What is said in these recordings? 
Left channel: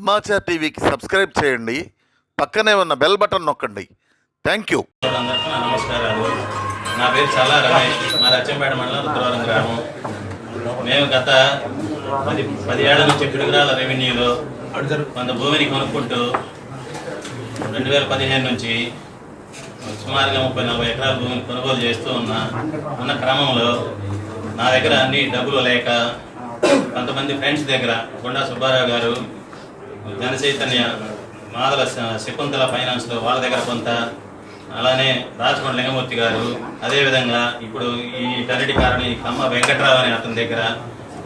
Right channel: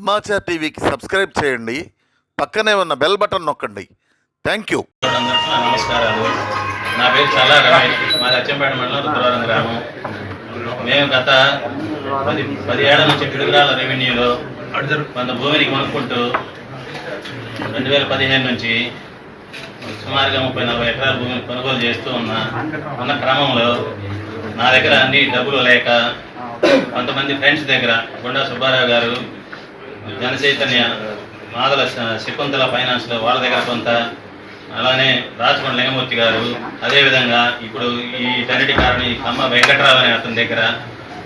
సమాచార్ టీవీకి సబ్స్క్రైబ్ చేయండి, పక్కనే ఉన్న బెల్ బటన్ నొక్కండి. Thank you. నమస్కారాలు. నా పేరు చాలా రమేష్, మాది అచ్చంపేట మండలం రుద్రవరం గ్రామం. మేము గత 10 ఏళ్ల నుంచి పిడుగురాళ్ళ రెవెన్యూలో కొంత భూమిని కొనుక్కుంటూ 2015 నుంచి సుమారుగా 30-40 ఎకరాల భూమిని కొనుగోలు చేస్తూ ఉన్న క్రమంలో నా దగ్గర అన్ని డబ్బులు లేక కొంతమంది ఫ్రెండ్స్ దగ్గర గుండా సుబ్బారావు గారు, జనచైతన్య, మాదల శకుంతల ఫైనాన్స్లో వాళ్ళ దగ్గర కొంత, అలానే రాజమండ్రి లింగమూర్తి గారు, అదేవిధంగా ఇప్పుడు ఈ టన్నిటి కారణి కమ్మ వెంకట్రావు అనే అతని దగ్గర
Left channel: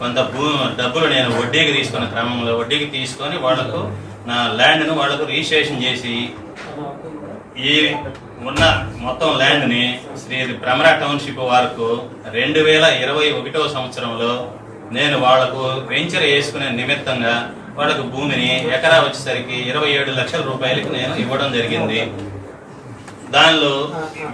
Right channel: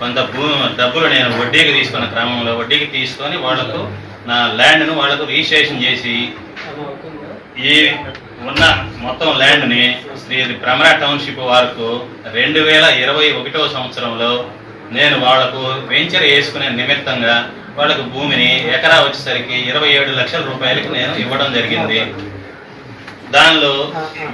కొంత డబ్బులు నేను వడ్డీకి తీసుకున్న క్రమంలో వడ్డీకి తీసుకొని వాళ్లకు నా ల్యాండ్ను వాళ్లకు రిజిస్ట్రేషన్ చేసి ఈ ఉన్న మొత్తం ల్యాండ్ని శ్రీ భ్రమరా టౌన్షిప్ వారికి 2021వ సంవత్సరంలో నేను వాళ్లకు వెంచర్ వేసుకునే నిమిత్తంగా వాళ్ళకు భూమిని ఎకరా వచ్చేసరికి 27 లక్షల రూపాయలకి నేను ఇవ్వడం జరిగింది. దానిలో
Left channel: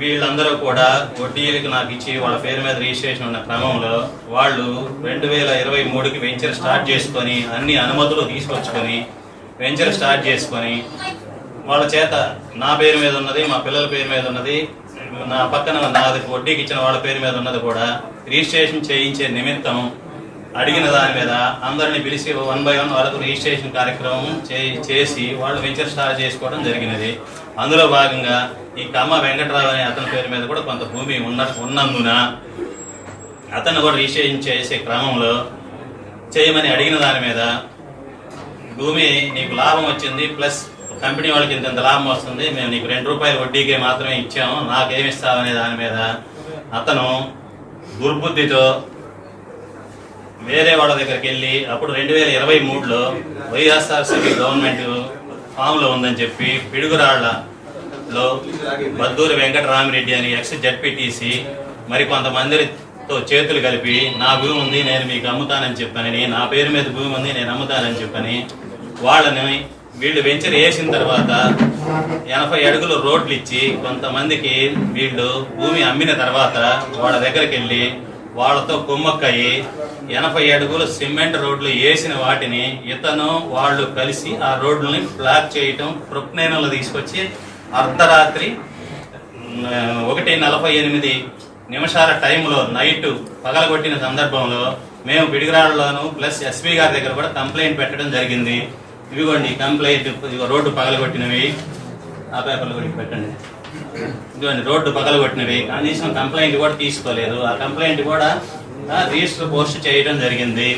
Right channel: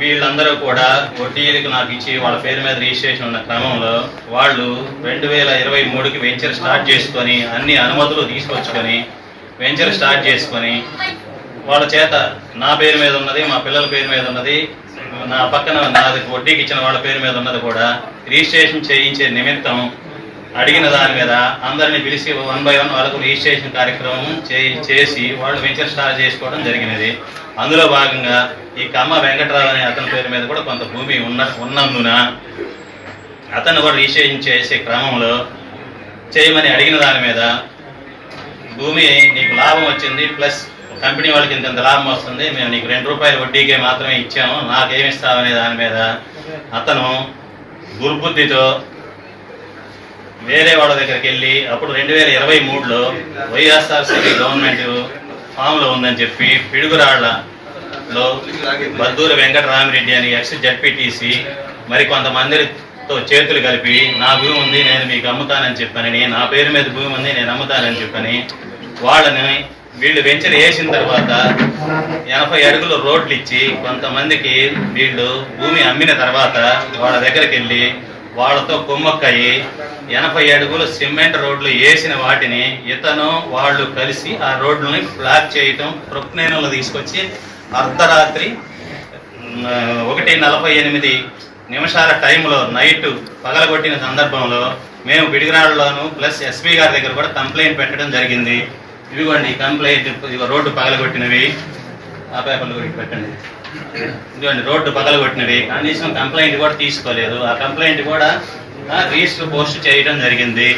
వీళ్ళందరూ కూడా వడ్డీలకు నాకు ఇచ్చి వాళ్ళ పేరు మీద రిజిస్ట్రేషన్ ఉన్న క్రమంలో వాళ్ళు 2023కి వెంచర్ స్టార్ట్ చేసుకొని అన్ని అనుమతులు తీసుకొచ్చుకొని వెంచర్ స్టార్ట్ చేసుకొని వాళ్ళ చేత నా పేరు మీద ఉన్నది, మా పిల్లల పేరు మీద ఉన్నది, నా పక్కన నాది వడ్డీకి ఇచ్చిన వాళ్ళ పేరు మీద ఉన్నది కూడా రిజిస్ట్రేషన్ చేయించే నిమిత్తం అడిగిన దాని మీద అందరినీ పిలిచి 1 by 1 వాళ్ళకు రిజిస్ట్రేషన్ కార్యక్రమం చేసి వాళ్ళు వెంచర్ స్టార్ట్ చేసుకోవడం జరిగినది. అందులో భాగంగా ఈ కమ్మ వెంకట్రావు అనే అతని పేరు మీద కూడా కొంత భూమి ఉన్నందున అతను కూడా రిజిస్ట్రేషన్ చేసే క్రమంలో చేయమని అడిగిన దాని మీద భూమి నీకు లాభం వచ్చింది, ప్లస్ కంపెనీ వాళ్ళకి ఇంత లాభం వస్తుంది, మేము నీకు 2 రూపాయలు వడ్డీకే మాత్రమే ఇచ్చాము, నాకేమిస్తామనే దాని మీద అతను దుర్బుద్ధితో వేరే వాళ్ళ దగ్గరికి వెళ్ళి అప్పుడు 2023లో వైఎస్ఆర్సీపీ గవర్నమెంట్ ఫామ్లో ఉందని చెప్పి పిడుగురాళ్లలో బద్దూరి వెంకటరామిరెడ్డి అని ఎక్స్ జడ్పీటీసీ మరి కొంతమందితో చేతులు కలిపి నా భూమి ఉంది నేను మీకు అమ్ముతానని చెప్పని, నా పేరు మీద భూమి ఉంది నేను అమ్ముతానని చెప్పని వాళ్ళని వీళ్ళు వెంచర్ వేసిన తర్వాత 80 అడుగులు రోడ్లు ఇచ్చి కొంతమందికి వీళ్ళు భూమి అమ్మిన తర్వాత వాళ్ళ దగ్గరికి వెళ్ళి వాళ్ళతో కుమ్మక్కయి 80 అడుగులు సిమెంట్ రోడ్లు వేసిన వాటిని ఇతను వాళ్ళు కలిసి ఆ రోడ్లని బ్లాక్ చేయటం, ప్రొక్నేనలో తీసుకొచ్చి అర్ధరాత్రి 1:48 టైంలో నైట్ పగలగొట్టిన సందర్భంలో మేము పిడిగిరాళ్ళలోను ప్లస్ ఎస్పీ గారి దగ్గర కూడా కంప్లైంట్ పెట్టడం జరిగింది. ఇవిగోండి కంప్లైంట్, రోడ్డు పగలగొట్టినవి, ఆ పేపర్లు కూడా పెట్టండి. ఇదిగోండి రోడ్డు పగలగొట్టినవి, కనీసం కంప్లైంట్ కూడా తీసుకోలేదు. ఆ కంప్లైంట్ కూడా రిజిస్టర్ పోస్ట్ చేయడం జరిగింది.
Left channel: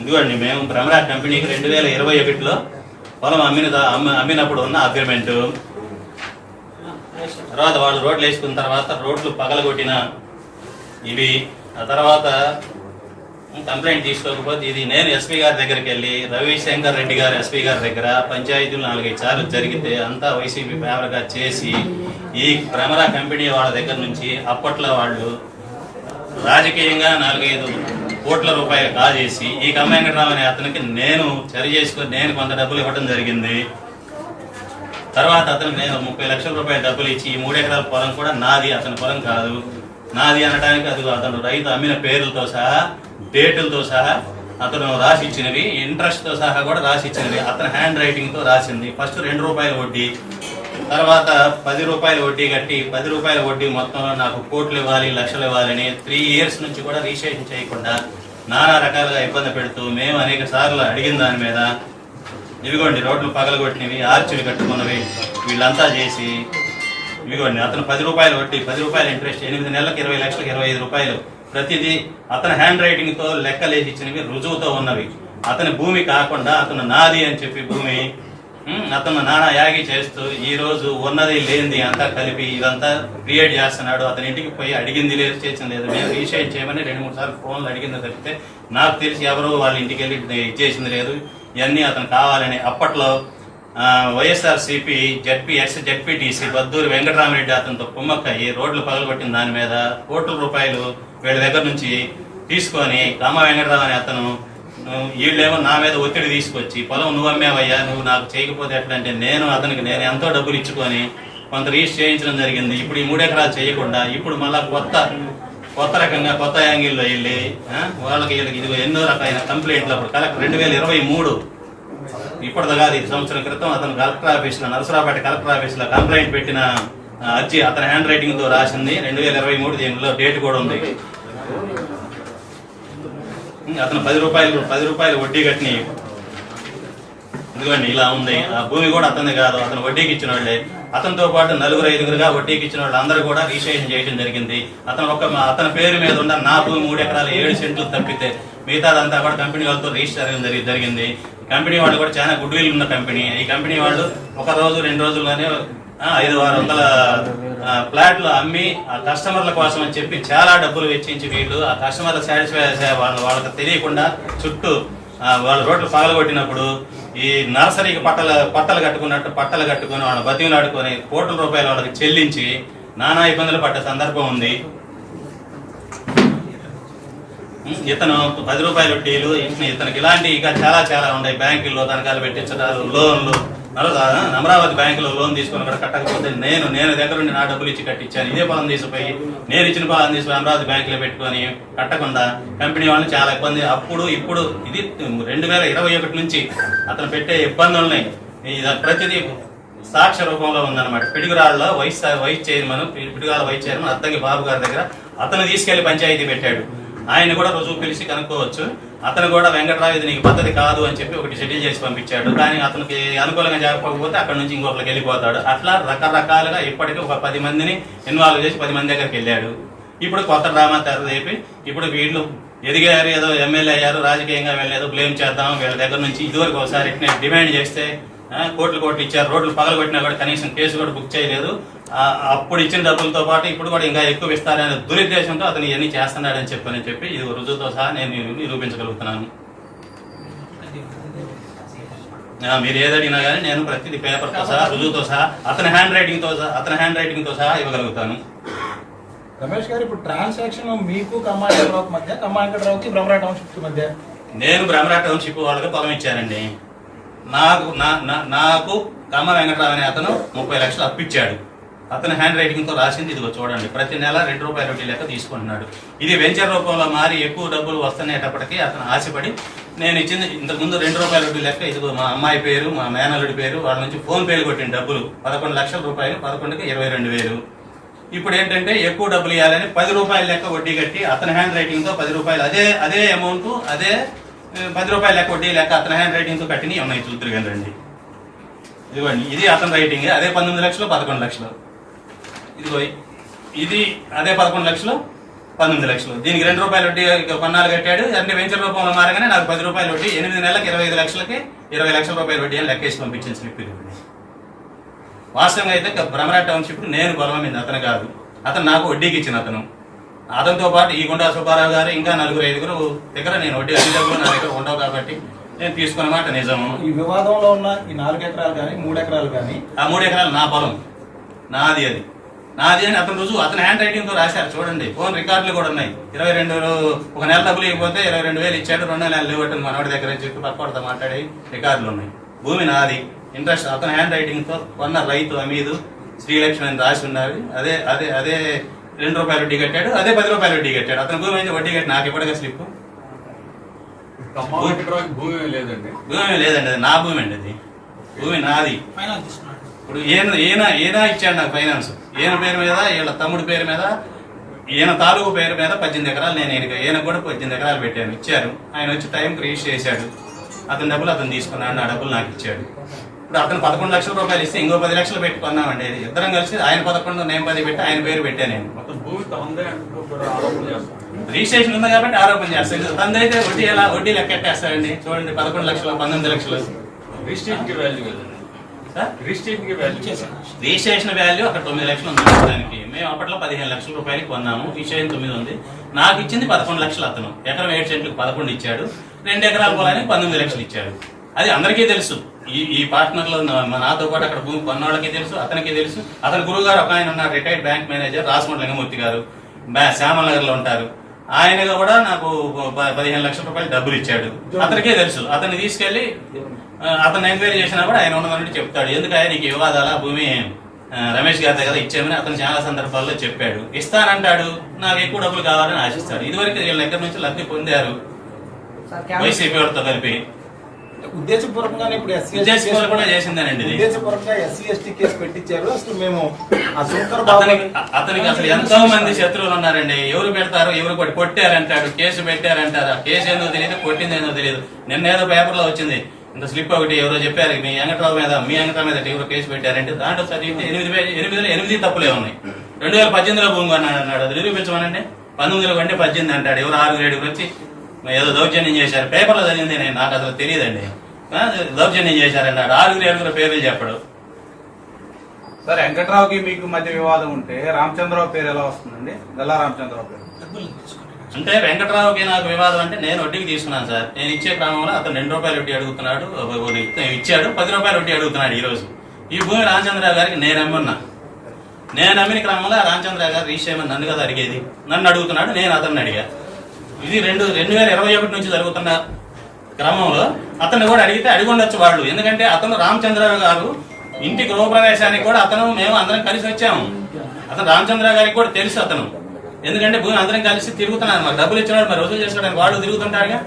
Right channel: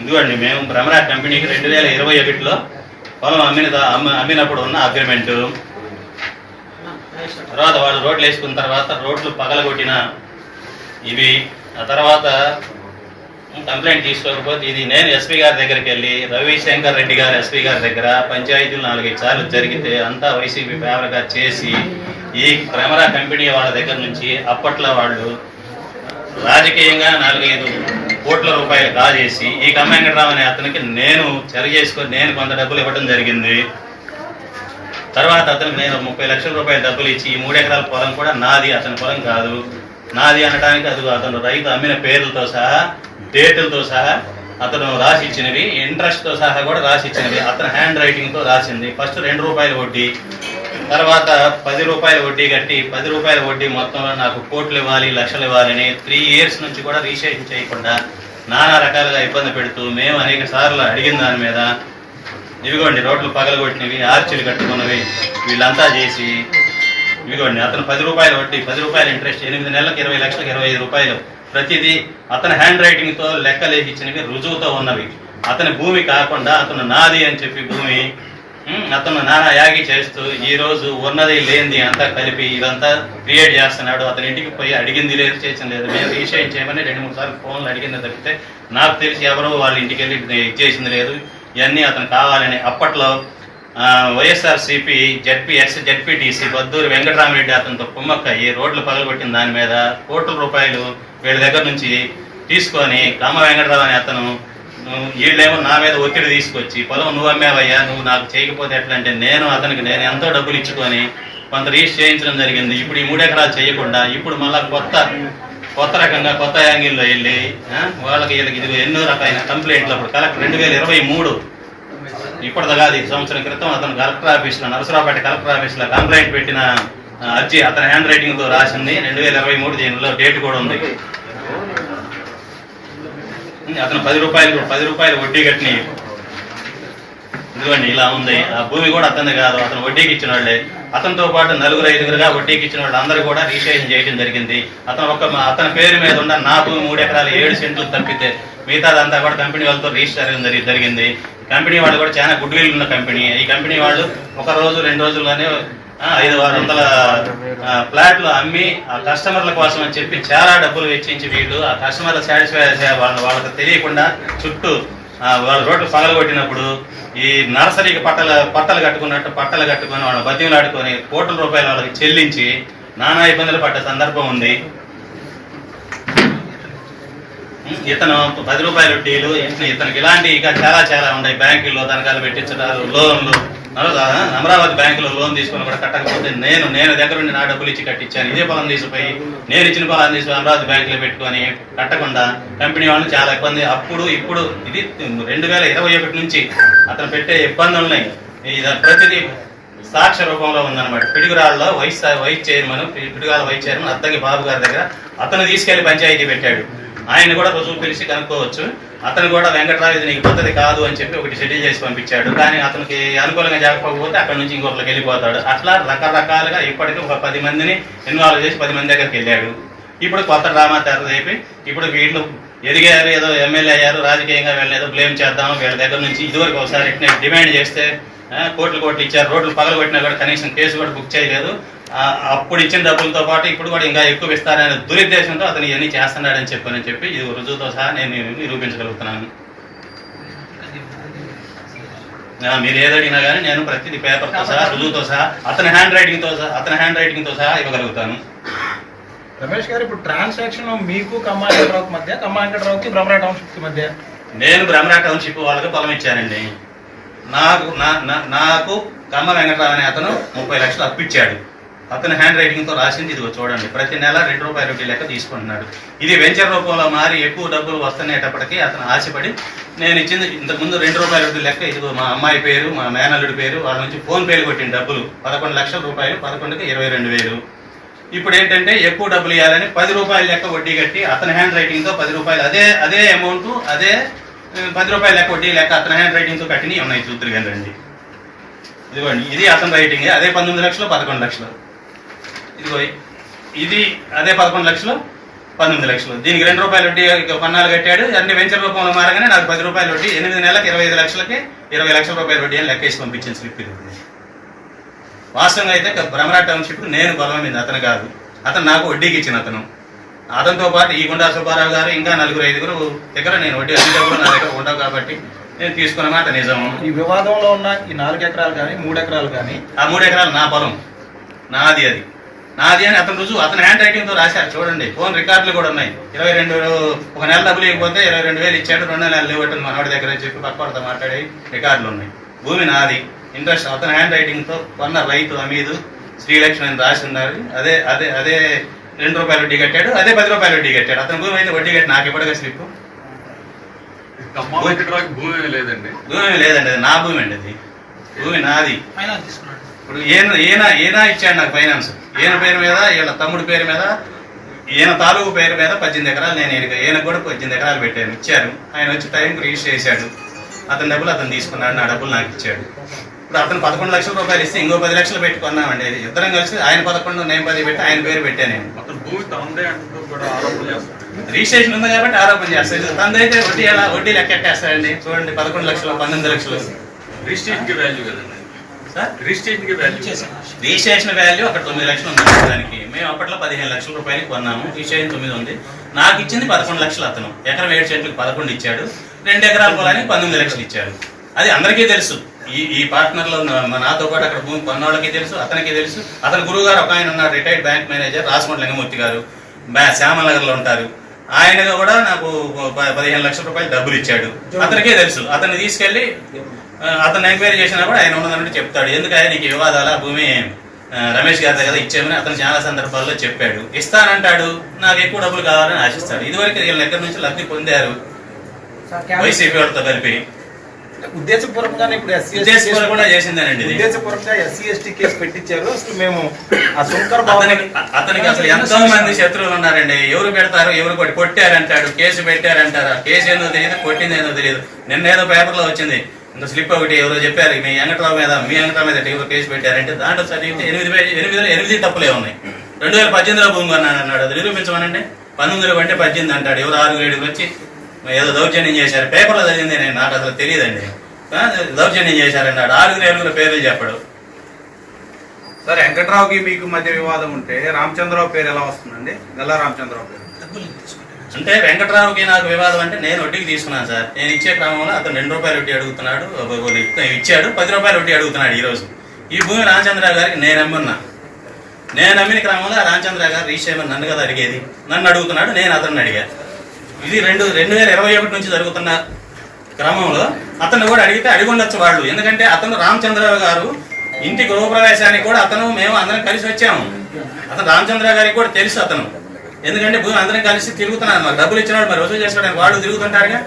ఇదిగోండి మేము భ్రమరా కంపెనీకి 2021లో పొలం అమ్మినప్పుడు ఉన్న అగ్రిమెంటు. తర్వాత వాళ్ళు రోడ్లు వేసుకున్న తర్వాత రోడ్లు పగలగొట్టిన ఇవి. ఆ తర్వాత కంప్లైంట్ తీసుకోకపోతే ఇది నేను ఎస్పీ గారి దగ్గరికి వెళ్ళి రవిశంకర్ రెడ్డి గారు ఎస్పీ గారి దగ్గర పంచాయతీలు 4-5 సార్లు జరిగితే అంతా వైసీపీ ఫేవర్గా చేసి ఈ భ్రమరా కంపెనీ వాళ్ళ దగ్గర నుంచి అప్పట్లో వాళ్ళు రాజకీయంగా 4-5 కోట్ల రూపాయలు కాజేసి ఈ కమ్మ వెంకటరావు అనే అతనికి నేను చర్య చేసుకొని నేను కొంత డబ్బులు ఇవ్వడం జరిగింది. తర్వాత అతనికి నేను 30 లక్షల రూపాయల డబ్బులు ఇచ్చి ఈ 3 ఎకరాల పొలం కూడా నాది, అతని పొలం కాదు. నాది అనడానికి అది అతను రైతు అమ్మిన పేర్లతో సహా, డేటులతో సహా అతను రాసి ఇచ్చినవి, ఇంట్రెస్ట్తో సహా కూడా రాసి ఇచ్చినవి, అతను హ్యాండ్ రైటింగ్తో రాసింది. ఫస్ట్ 2 రూపాయల వడ్డీ, తర్వాత 10 రూపాయల వడ్డీ కట్టి 10 రూపాయల వడ్డీ మొత్తంలో నాకు కోట్లు ఇవ్వాలి, లక్షలు ఇవ్వాలని 3 ఇయర్స్ నుంచి కూడా రిజిస్ట్రేషన్ చేయకుండా నానా రకాలుగా ఇబ్బంది పెడుతూ మేము అనేక సార్లు అడిగిన దాని మీద ఇవిగోండి రోడ్లు పగలగొట్టినవి, ఆర్చీలు కట్టుకున్నవి వీళ్ళంతా చేసి ఇవిగోండి అతను 10 రూపాయల వడ్డీ, 10 రూపాయల ఇంట్రెస్ట్, 8 నెలలకు 20 లక్షలకు 25 రూపాయలు ప్రతిదీ అతని హ్యాండ్ రైటింగ్తో లెక్కలేసి ఇచ్చినవి, రుజువుతో ఉన్నవి. అతని భూమి కాకుండా అతను నాది అని చెప్పి భూమి అతను నానా యాగి చేస్తూ ఈరోజు ఉన్నది లేనిది అంతా కలిపి ఇదంతా క్రియేట్ చేస్తున్నాడు. అతని ఇంటికి పోయి అడిగింది లేదు, చేసింది లేదు. మేము రిజిస్ట్రేషన్ చేయమని 2-3 సార్లు ఫోన్లు అడిగింది తప్పితే నాకు తెలిసి ఎవరో వాళ్ళ ఇంటికి వెళ్ళి చేసింది లేదు. ఇవన్నీ అతను కావాలని అప్పట్లో వైఎస్ఆర్సీపీ జడ్పీటీసీ బద్దూరి వెంకటరామిరెడ్డి అతనితో కుమ్మక్కయ్యి రోడ్లు పగలగొట్టిన దాని మీద కోట్ల రూపాయలు వీళ్ళ దగ్గర నుంచి తీసుకొని కమ్మ వెంకటరావు అనే అతను వీళ్ళేమో నా మీద ఒత్తిడి తీసుకొచ్చి పొలం నువ్వు అమ్మేవయ్యా, నువ్వు నాకు చేయకపోతే ఎట్లా అంటే నేను ఎంతో డబ్బులు ఇచ్చుకొని కొంత రిజిస్టర్ చేయించడం జరిగింది. ఇప్పుడు ఈ 3 ఎకరాలు చేయకుండా ఇప్పుడు మళ్ళీ కొత్త రకంగా కొత్త యాంగిల్లో వెళ్ళి వాళ్ళకి వీళ్ళకి ఇది ఎన్నో రకాలైన కంప్లైంట్లు అప్పుడు కలెక్టర్ 2023 ఇప్పటిదా కాదు, ఈ సంవత్సరం క్రితం అతను కలెక్టర్ ఆఫీస్లో, నరసరావుపేట కలెక్టర్ ఆఫీస్లో కంప్లైంట్ పెట్టిన అర్జీ అతని హ్యాండ్ రైటింగ్తో రాసింది. 2023 దీనిలో డేట్ కూడా ఉంది. అతను 10 రూపాయలు వడ్డీ కట్టిన ఇదిగోండి ఇలా ఉంది. ఆ భూమి కూడా అతనిది కాదు, అతను వడ్డీకి ఇచ్చిన వాళ్ళే. అతనితో పాటు 4-5 వడ్డీకి ఇచ్చిన వాళ్ళు అందరూ కూడా రిజిస్ట్రేషన్ చేయడం జరిగింది. అతని పేరు మీద ఉన్న నా భూమి 3 ఎకరాలు 7 సెంట్లు తప్పితే మిగతాదంతా కూడా కంపెనీ వాళ్ళతో రిజిస్టర్ జరిగింది. కంపెనీ వాళ్ళు కూడా చాలా గుడ్ విల్ ఉన్న కంపెనీ. ఈ కంపెనీ వాళ్ళు 1 రోజు 2 రోజుల్లోనే 500-600 ఫ్లాట్లు అమ్మి ఆ కస్టమర్ల కోసం అని చెప్పి చాలా డబ్బులు వెచ్చించి వీళ్ళు ఆ కస్టమర్ల సాటిస్ఫై వాళ్ళకి తెలియకుండా చుట్టూ వాళ్ళ రోడ్లు పగలగొట్టినప్పుడు ఈ నర్సరీకి పట్టలు కట్టుకొని వాళ్ళ బతిమలాడుకొని కోట్ల రూపాయలు వాళ్ళకి చెల్లించి నానా ఇబ్బందులు పడ్డ సందర్భం ఉంది. ఇతను 10 రూపాయల వడ్డీలు, ఇతనికి ఇలాంటి ఇంకా చాలా ఉన్నాయి. బ్యాంకుల్లో తనఖాలు పెట్టించడాలు, లోన్లు, అమరావతి బ్యాంకులో లోన్ తీసుకొని కూడా కట్టకపోతే నేను దగ్గర నుండి నా డబ్బులు ఇచ్చి కట్టించాను. ఇదే పొలం తీసిపోయి నేను ఇచ్చిన పొలం తీసుకుని అమరావతి బ్యాంకులో పెట్టుకొని కట్టకుండా కంపెనీ వాళ్ళని చాలా ఇబ్బంది. ఇప్పుడు ఇది 2021 నుంచి అతను పెట్టే ఇబ్బందులున్నాయి. ఇది ప్రతిదీ సాక్ష్య రూపంలో ఉందన్నమాట. పిడుగురాళ్ళలో వైస్ చైర్మన్ అద్దంకి బాబు గారి దగ్గర అతను తీసుకెళ్లి పంచాయతీ పెట్టాడు. ఆయన కూడా రుజువు పిలిచి కనుక్కోవచ్చు. అతను కూడా వెంకటరావు ఇది నీకు పద్ధతి కాదు అని చెప్పి ఒకటి షెడ్యూల్ చేసి పంపించాడు. కానీ అతనికి అనుకూలంగా జరగకపోతే అక్కడ నుంచి ఇంకొకరికి వెళ్ళిపోతాడు. అట్లా రకరకాలుగా ఇప్పటికీ ఒక 10 మందిని ఇన్వాల్వ్ చేసి 10 మంది దగ్గరికి వెళ్ళాడు. ఇప్పుడు కొత్త డ్రామా తెరదేపి ఇప్పుడు వీళ్ళు ఎదిగారు, ఏదో ఎమ్మెల్యే అయ్యారు, రాజకీయంగా వెళ్ళేదో బ్లేమ్ చేద్దాం వీళ్ళ దగ్గర నుంచి. ఇదివరకు ఒకసారి డిమాండ్ చేస్తే కోట్లు ఇచ్చారు. రోడ్లు పగలగొట్టినా కూడా కనీసం కేసు కూడా బుక్ చేయలేదు. అప్పుడు ఇచ్చిన డబ్బులతో పాటు ఇప్పుడు కూడా ఇంకా ఎక్కువ ఇస్తారనే దురుద్దేశంతో అతను ఇవన్నీ చేస్తున్నాడని చెప్పి ఇది రుజువుతో సహా నేను నిరూపించగలుగుతున్నాను. మీరు ఏదడిగినా కానీ నేను ప్రతిదీ పేపర్తో సహా రుజువుతో సహా అతని హ్యాండ్ రైటింగ్తో సహా ఇవ్వగలుగుతాను. రమేష్ గారు, ఇప్పుడు ట్రాన్సాక్షన్ మీకు కమ్మా వెంకటరావుకి మధ్య, కమ్మా వెంకటరావుకి బ్రహ్మరా టౌన్షిప్ మధ్య? నేను బ్రహ్మరా టౌన్షిప్ వాళ్ళకి పొలం ఇచ్చానండి. నాకు కమ్మ వెంకటరావు అనే అతను 30 లక్షలు అప్పిచ్చాడు. అతను హ్యాండ్ రైటింగ్తో రాసింది ఇదిగో చూడండి. ప్రతి నెల 2 రూపాయల వడ్డీ లెక్క తీసుకుంటున్నాడు. ఇది వెంచర్ రూపంలో మారి ఎక్కువ డబ్బులు వస్తునేటప్పటికీ అతను ఆశపడి నేను ఇచ్చింది ఇంతకుముందు 2 రూపాయల వడ్డీ లెక్క ఇదిగో మా అమ్మాయి పేరు, మా మేనల్లుడి పేరు, వాళ్ళ నుంచి ఫోన్ పేలు కొట్టిన డబ్బులు 11 లక్షల రూపాయలు, 11కి 22,000. ఇప్పుడు ఏంటంటే ఎక్కువ డబ్బులు ఇవ్వాలని 10 రూపాయల లెక్క వడ్డీ కట్టి అతని హ్యాండ్ రైటింగ్తో 10 రూపాయలు అదే అమౌంట్ 10 రూపాయల లెక్క వడ్డీ లెక్క అతని హ్యాండ్ రైటింగ్తో కట్టినవి ఉన్నాయి. చూద్దరు కానీ రండి, ఇదిగోండి. ఇది అతని రైటింగ్. అదే 19 లక్షలు, 11 లక్షలు. ఇదిగో ఇది అదే 11 లక్షలు, 19 లక్షలు. దీనికి 2 రూపాయల వడ్డీ పన్నాలు కట్టాడు. అన్ని వెంచర్ రూపంలో మారగానే నాకు 10 రూపాయల వడ్డీ, 8 నెలలకు 25 లక్షలకి 20 లక్షల రూపాయల వడ్డీ అని లెక్కేసి పంపించింది స్లిప్. వాస్తవంగా అయితే బ్రహ్మరా టౌన్షిప్ నేను పొలం మీద, అతను కాదు. అతను నాకు వడ్డీకి ఇచ్చిన అతనితో పాటు ఈ గుండా సుబ్బారావు గారు ఇంకా 4-5 దగ్గర నేను వడ్డీ అన్ని డబ్బులు నా దగ్గర ఉండవు కాబట్టి నేను తీసుకున్న మాట నిజం. ఈ వివాదంలో ఉన్న ఈ 4 ఎకరాలు కానీ 3 ఎకరాలు కానీ, ఆ 3 ఎకరాలు నా పొలం, నాది అని అతను రుజువు అతని హ్యాండ్ రైటింగ్తో రాశారు. చూడండి, ఫోన్ రికార్డులు కూడా ఉన్నాయి. 22 ఒక నెల డబ్బులు ఇవ్వకపోతే 22,000 ఇచ్చాడు, 2 నెలలు ఇవ్వటం మనవాడి దగ్గర అని చెప్పి పక్కవాడితో మాట్లాడి రికార్డులు ఉన్నాయి. భూమి నాది, ఇంట్రెస్ట్ అతని హ్యాండ్ రైటింగ్తో కొన్న రైతు అమీదు శ్రీలక్ష్మి అని రాసి ఉన్నారు. అదే 2 రూపాయల వడ్డీ కట్టాడు, అదే 10 రూపాయల వడ్డీ కట్టాడు. అతని భూమి అయితే వడ్డీ కట్టి నాకు ఇవ్వడగా స్లిప్. భూమి లేదండి, అది నా భూమి అండి. అది భూమి నాది. ఇప్పుడు ఈయన ఇచ్చాడు నాకు ఫైనాన్స్. ఈయన పేరు మీద, వీళ్ళ తమ్ముడి పేరు మీద, ఈయన తాలూకు పేరు మీద 18 ఎకరాలు నేను ఈయనకు కూడా 18 ఎకరాలు పెట్టాను. ఇచ్చారు. ఆయన వచ్చి టైంకి రిజిస్టర్ చేశాడు. అతని డబ్బులు అతను తీసుకున్నాడు, నా డబ్బులు నాకు ఇచ్చాడు. ఇప్పుడు అతను 11 లక్షల రూపాయలు ఇస్తే ఇంకో 10 లక్షలు పెట్టుకున్నామండి. ఇద్దరం కలిసి ఆయన 11 నేను 10 పెట్టి ఆయన పేరు పెట్టాను. నేను రిజిస్ట్రేషన్ ఉంది కాబట్టి ఆరోపణ చేస్తాను. తనదైతే వడ్డీ లెక్కెట్టేస్తాడండి. చూడండి, 11 లక్షలు, 19 లక్షలు. రిజిస్ట్రేషన్ వాల్యూ అక్కడ 9 లక్షలు ఉంది దానికి. మేము అప్పట్లో 15 లక్షల రూపాయలకి కొన్నాము. రిజిస్ట్రేషన్ 9 ఉంది. నాకు ఇచ్చింది 11 లక్షలు. అతను ఎకరం 7 సెంట్లకు 11 ఇచ్చాడు. 2 ఎకరాల పొలానికి 19 లక్షలు ఇచ్చాడు. అది అందరికీ తెలుసు. ఈ పార్ట్నర్లో నాతో పాటు అక్కడ భూమి కొన్నోళ్ళకి తెలుసు, అతనికి తెలుసు. అతని గురువు గారు ఒక ఆయన ఉన్నారు, retired bank manager Rajahmundry Lingamurthy గారు, శ్యామనగర్లో ఉంటారు. ఆయన కూడా నాకు 15 లక్షల రూపాయలు డబ్బులు ఇచ్చాడు. అతనికే తెలుసు. అతన్ని తీసుకెళ్లి అతను ఎంక్వైరీ చేసినా కూడా ఆయన ఉన్నదంటే చెప్తాడు. ఎందుకంటే నీకు వివాదాల భూమి రమేష్ గారి దగ్గర ఇచ్చామని అతను చాలా సందర్భాల్లో చెప్పాడు. ఇస్తానంటాడు, నాకు ఎక్కువ డబ్బులు కావాలని ఆశిస్తాడు. ఇదివరకు వీళ్ళ దగ్గర నుంచి లబ్ధి పొందారు వైసీపీ వాళ్ళతో కలిపి. ఉద్దేశపూర్వకంగానే ఇప్పుడు ఉద్దేశపూర్వకంగా చేసిందేనండి ఇది. ఉద్దేశపూర్వకంగా ఎస్సీ/ఎస్టీ కేసు పెట్టించారు. అసలు మేము ఆ శంకర్ అతనికి అసలు ఎంతో మంది శత్రువులు ఉన్నారండి. ఎవరు పెడతారు, ఎవరు కొట్టారంటాడు, కేసు పెట్టారంటారు. కేసు ఏదో తెలియదు, కొట్టింది ఏదో తెలియదు. నిన్న ఏదో పేపర్లో వచ్చింది, ఇంత స్లిప్ ఒకటి ఎవరో చెప్పారు, మీ వెంకట్రావు మీద ఎవరు కేసు పెట్టారంటే దాంట్లో చదివితే 8 తప్పులే ఉన్నాయి. 2018లో భూమి కొన్నాడు అన్నాడు, అది నిరూపించమనండి. 19లో కొంటే 18 అంటాడు. ఎవరు 6-7 వచ్చి ఏదో దౌర్జన్యం చేశారు, పేపర్లో చదివింది నేను, నాకు అసలు తెలియదండి. దౌర్జన్యం చేశారన్నాడు. 6-7 పేర్లు చెప్పడు. సార్, వెంకట్రావుకి మీకు మధ్య వివాదం ఉంటే రామచంద్రరావు పేరు ఎలా వస్తుందండి? గల్లా రామచంద్రరావు పేరు అంటే వెంకట్రావుకి నాకు వివాదం అంటే నేను వడ్డీకి తీసుకున్నాను సార్. నేను ఇచ్చే క్రమంలో అతను 2 రూపాయలు వడ్డీ అడుగుతున్నాడు, ఇచ్చాడు. 10 రూపాయలు వడ్డీ అడుగుతున్నాడు. ఈరోజు ఈ భూమి రామచంద్రరావు గారికి నేను అమ్మున్నా. నేను అమ్మిన క్రమంలో రామచంద్రరావు గారు రీచ్ చేయమని నన్ను కదా అడిగేది. నన్ను అడుగుతున్నాడు, నేను అతన్ని అడిగా. ఇది 2021 నుంచి జరుగుతున్న క్రమంలో అతను కూడా అడిగితే అడిగి ఉండొచ్చు వాళ్ళు. ఎందుకంటే అతను రామచంద్రరావు గారు ఇంటి గృహప్రవేశానికి కూడా మేము అందరం కలిసి వచ్చాము. అతను రామచంద్రరావు గారికి కూడా తెలుసు అతను. ఎందుకంటే భూమి అందరం కలిసి తిరుగుతున్నాడు. మాకు డబ్బులు ఇచ్చినాడు, మరి వసూలు చేసుకోవడానికి వాళ్ళు తిరుగుతుంటారుగా.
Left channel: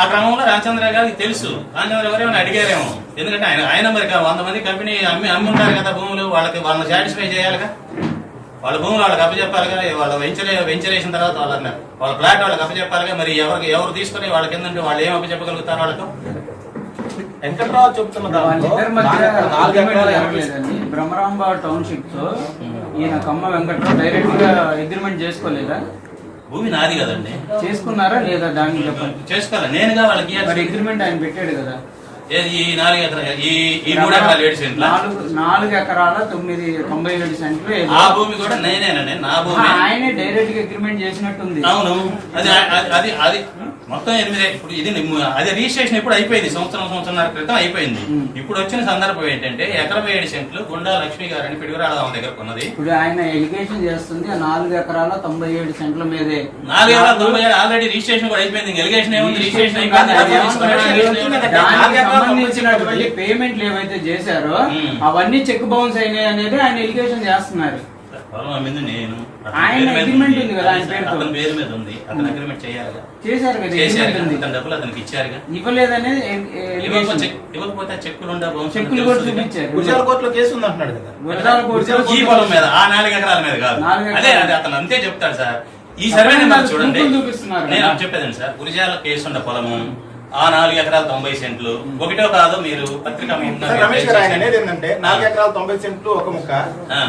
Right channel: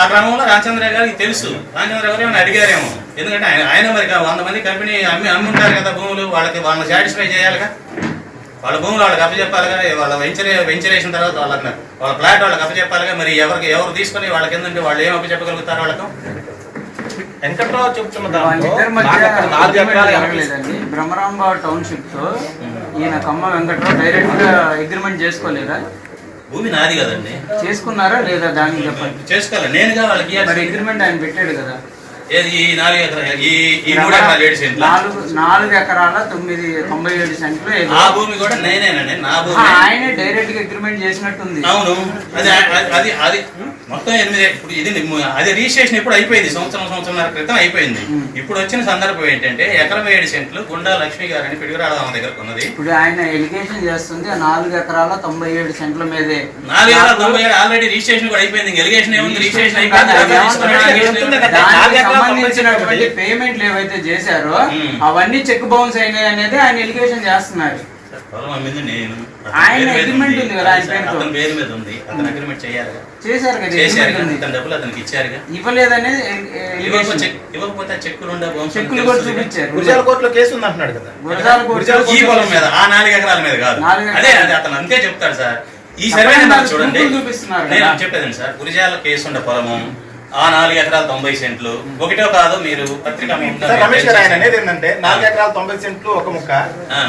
ఆ క్రమంలో రామచంద్రరావు గారికి తెలుసు. రామచంద్రరావు గారు ఏమైనా అడిగారేమో. ఎందుకంటే ఆయన మరి 100 మంది కంపెనీ అమ్మి ఉంటారు కదా భూములు. వాళ్ళని సాటిస్ఫై చేయాలిగా. వాళ్ళ భూములు వాళ్ళకి అప్పచెప్పాలిగా. వాళ్ళ వెంచరేసిన తర్వాత వాళ్ళ ఫ్లాట్ వాళ్ళకి అప్పచెప్పాలిగా. మరి ఎవరు తీసుకుని వాళ్ళకి ఏంటంటే వాళ్ళు ఏం అప్పచెప్పగలుగుతారు వాళ్ళకు? వెంకట్రావు చెప్తున్న వాళ్ళిద్దరి మధ్య బ్రహ్మరాంబాబు టౌన్షిప్ తో ఈయన కమ్మ వెంకట్రావు డైరెక్ట్ గా అగ్రిమెంట్ చేసుకోలేదా? భూమి నాది కదండి. చేసుకున్నారా లేదా దాన్ని చెప్పండి. చేసుకోవాలి. నేనుగా వాళ్ళకి అగ్రిమెంట్ ఆయన పెట్టాడు కదా. ఏది ఈ 4 ఎకరాలు, ఈ 3 ఎకరాలు 7 సెంట్లు, 4 ఎకరాల 97 సెంట్లు. ఆ భూమి కూడా నేనేనండి, నా భూమి. ఆయనే డైరెక్ట్ గా అగ్రిమెంట్ చేసినట్టుంది. అవును, అది మొత్తం 8. ఇప్పుడు ఇది అది రిజిస్ట్రేషన్ ఇప్పుడు అయిపోయింది, సంవత్సరంన్నర క్రితం అయిపోయింది. ఇప్పుడు వచ్చిన సందర్భం ఏంటంటే 1 ఎకరం 7 సెంట్లు గుండా లక్ష్మి గారని పిడుగురాళ్ళ ఆమె దగ్గర ఉన్నది. ఇప్పుడు ఆయన ఎలిగేషన్ చేస్తుంది 4 ఎకరాల 97 సెంట్ల మీదే. 4 ఎకరాల 97 ఆల్రెడీ రిజిస్ట్రేషన్ కూడా అయిపోయింది. ఎలిగేషన్ ఏముంది? రిజిస్ట్రేషన్ అయిపోయింది. సంబంధించినటువంటి పేమెంట్లు ఏవైతే చేశారో అవన్నీ చెక్ బౌన్స్ అయినాయి అనేది ఆయన ఎలిగేషన్ చేస్తున్నారు. నేను ఆయన అగ్రిమెంట్ ఉంది కదా, ఆయన అతని పేరు మీద ఉంది. అతను అగ్రిమెంట్ చేశారు కదా. చేశారు. డబ్బులు అతనికి ఇచ్చారుగా. ఇవ్వలేదనేది ఇవ్వకపోతే చెక్కులు ఉండే చెక్కులు కూడా చూపించారు. గురజాల కోర్టులో కేసు ఉంది అంటున్నాడు కదా. ఈ పొలం మీద, ఆ 4 ఎకరాల మీద కాదు. అదే అతను అంతే చెప్తాడు సార్. ఈ సర్వే నెంబర్ చూడండి. నేను చెప్పేదండి సార్, గురిజాల కేసు ఉండే పొలము, ఆ 4 ఎకరాల 90 సెంట్లు. ఒకటో కాదు, మీరు పత్రిక రమేష్ గారు ఆయన అనేది ఏంటంటే 4 ఎకరాల 90 సెంట్లు ఒక ముక్క,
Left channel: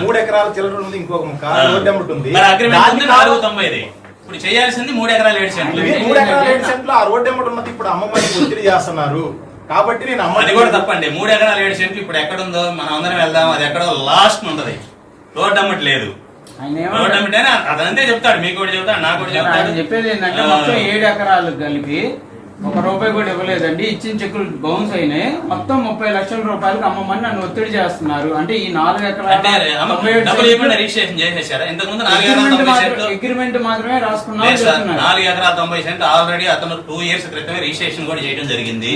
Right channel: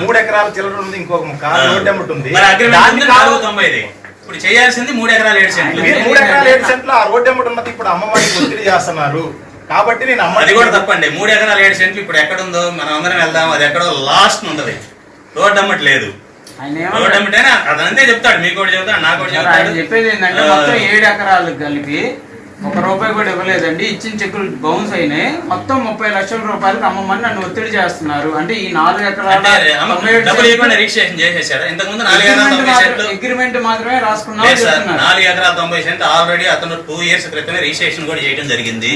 3 ఎకరాల చిల్లర ఉంది ఇంకొక ముక్క, రోడ్డు అమ్మటి ఉంది. అగ్రిమెంట్ 490. ఇప్పుడు చేయాల్సింది 3 ఎకరాల 7 సెంట్లు. 3 ఎకరాల 7 సెంట్లు ఆ రోడ్డు అమ్మటి ఉన్నది. ఇప్పుడు అమ్మమ్మని ఒత్తిడి చేస్తున్నారు కాబట్టి నేను అది కూడా తప్పండి. 3 ఎకరాల 7 సెంట్లు ఇప్పుడు ఎక్కడుందో మనం అందరం వెళ్దాం. అది ఎక్కడో లాస్ట్ ఉంటది. రోడ్డు అమ్మటి లేదు. రోడ్డు అమ్మటి అని అదంతే చెప్తాడు. మీకు కూడా చెప్తాడు, నాకు కూడా చెప్తాడు. చెప్పేది ఏంటంటే మొత్తం 7 ఎకరాలు కలిపి 1 రూపాయి కూడా ఇవ్వలేదండి. ఇచ్చిన చెక్కులు బౌన్స్ అయినాయి. మొత్తం 30 లక్షల రూపాయలకు అమ్మమని నన్ను ఒత్తిడి చేస్తున్నారు. అంటే ఈ 4 ఎకరాల రిజిస్ట్రేషన్ చేసేసాడు. ఇంతకుముందు 4 ఎకరాల 90 సెంట్లు అగ్రిమెంట్ మాత్రమే రాసుకున్నాను. 4 ఎకరాల 90 సెంట్లు ఆల్రెడీ అతను 2 ఇయర్స్ క్రితమే రిజిస్ట్రేషన్ కూడా చేయడం జరిగింది.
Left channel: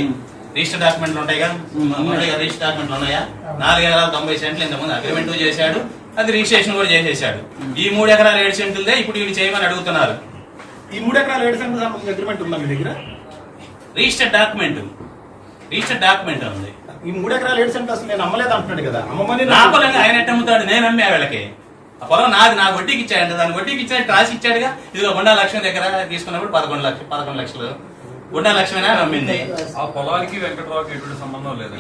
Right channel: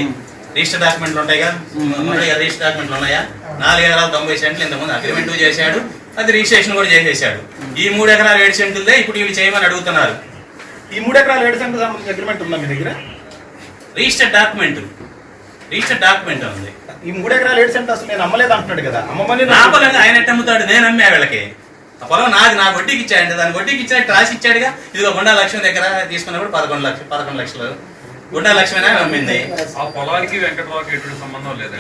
రిజిస్టర్ డాక్యుమెంట్లు ఉంటాయి కదా, రిజిస్టర్ డాక్యుమెంట్లు ఉన్నాయా? 4 ఎకరాల 90 సెంట్లు ఇంతకుముందు అగ్రిమెంట్ చేశాడు. అది రిజిస్ట్రేషన్ కూడా చేసేసాడు. ఈ 3 ఎకరాల 7 సెంట్లదే ఇప్పుడు వీళ్ళు చేయమని అడుగుతున్నారు. ఈ 3 ఎకరాల 7 సెంట్ల సంబంధించిన అగ్రిమెంట్ ఉందా మీ దగ్గర? రిజిస్టర్ డాక్యుమెంట్ ఉంది. ఈ 3 ఎకరాల 7 సెంట్లు అసలు నేను అమ్మలేదు అంటున్నాడు కదా. అమ్మమని నా పొలంగా ఆయన ఎట్ట అమ్ముతాడు? నేను అమ్మే వీళ్ళకి. ఆ పొలం నాకు వడ్డీకి ఇచ్చాడంటే దానికి వడ్డీకి ఇచ్చాడు, రాసి ఇచ్చాడుగా. ఇదిగో గుండా లక్ష్మి దగ్గర తీసుకున్నప్పుడు 11 లక్షలు గుండా లక్ష్మీనా అమ్మింది. ఆ పొలానికి వెంకట్రావుకి ఎటువంటి సంబంధం లేదు.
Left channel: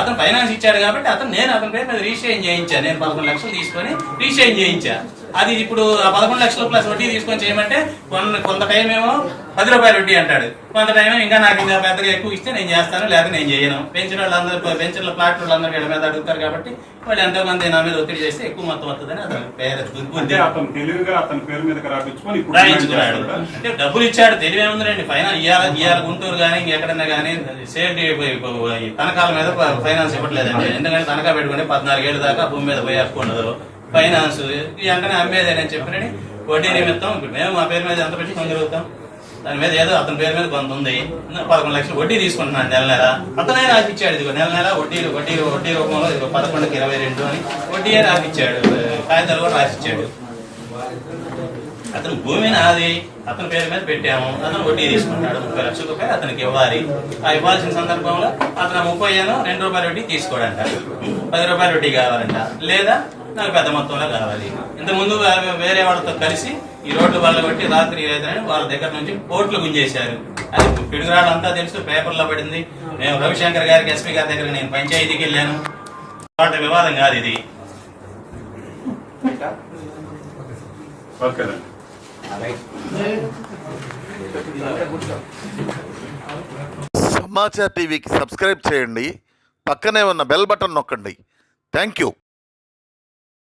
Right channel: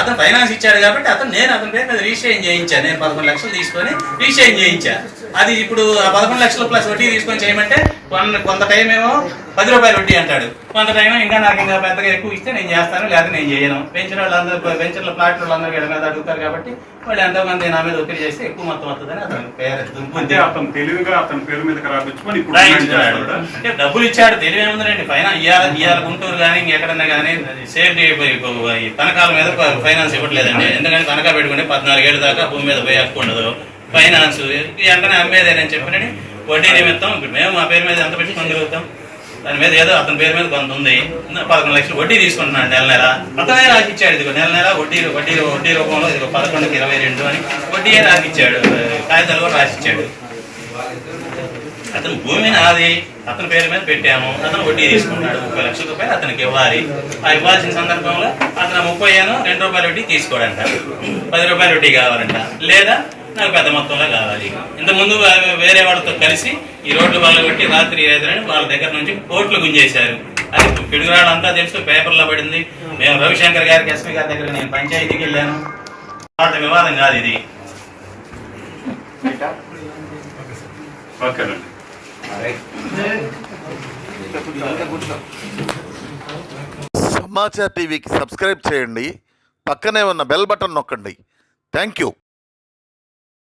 అతను ఫైనాన్స్ ఇచ్చాడు కాబట్టి నేను అతని పేరు మీద రిజిస్ట్రేషన్ చేయించాను. నేను 11 లక్షలు తీసుకొని రిజిస్ట్రేషన్ చేయించా. అది ఇప్పుడు 11 లక్షలు ప్లస్ వడ్డీ తీసుకొని చేయమంటే కొంత టైం ఏమో 10 రూపాయలు వడ్డీ అంటాడు. కొంత టైం ఇంకా నాకు ఇంకా పెద్దగా ఎక్కువ ఇస్తే నేను చేస్తాను, లేదా నేను చేయను. పెంచిన ఫ్లాట్ వాళ్ళందరూ వీళ్ళ మీద అడుగుతారు కాబట్టి వాళ్ళు ఎంతో మంది నా మీద ఒత్తిడి చేస్తే ఎక్కువ మొత్తం వస్తుందని అతను అతను తెలివిగా అతని పేరు మీద రాయించుకొని అంటే డబ్బులు ఇచ్చాడు. తెలివి ఏముందండి? ఇవాళ గుంటూరు కానీ ఇంకెక్కడన్నా కానీ సేఫ్టీ తనఖాల మీద ఫైనాన్స్ ఇవ్వట్లేదండి. ఎందుకంటే తనఖా పెట్టుకుంటే 14 ఏళ్ళ దాకా భూమి మీద పోయి హక్కు ఉండదు. ఫైనాన్స్ వెంటనే అమ్మేదేనని చెప్పినని వడ్డీ నిమిత్తం ఇప్పుడు మేము మా పేరు మీద ఎంత పెట్టి కొనగలుగుతాం? దాని మీద ఏదో అతని పేరు మీద కొంత ఉంది. 11 లక్షలు వడ్డీ తీసుకుంటున్నాను నెల. అతనే రాసి ఇచ్చాడు. ఇదిగో నెల వడ్డీ రూపంలో ఇదిగో 11కి 22 అని వడ్డీయే రాసి ఇచ్చాడు. కాగితాలు కూడా రాసి ఇచ్చాడు. అతను భూమి నాది, అతని పేరు మీద పెట్టాము, అతను వడ్డీ తీసుకున్నాడు, 30 లక్షల రూపాయలు అతనికి ఇవ్వాలి. ఆ ఇవ్వాల్సిన సందర్భంలో అతను 30 2 రూపాయల వడ్డీ తీసుకోడంట, 10 రూపాయల వడ్డీ కావాలంట, లేదా నాకు పెద్ద మొత్తంలో కావాలి. ఇంతకుముందు వేరే వాళ్ళతో కలిసి ఈ రోడ్లు వాళ్ళ కొట్టి రాత్రి రైతులని వాళ్ళ దగ్గర నుంచి కోట్లు గుంజేశారు. అది పిడుగురాడు అంతా తెలుసు, పేపర్లో పడింది. మేము రవిశంకర్ గారికి, ఎస్పీ గారి దగ్గర నేను పంచాయతీకి వెళ్ళాను. వాళ్ళ వివాదం కాదు ఇది. సమాచార్ టీవీకి సబ్స్క్రైబ్ చేయండి, పక్కనే ఉన్న బెల్ బటన్ నొక్కండి. Thank you.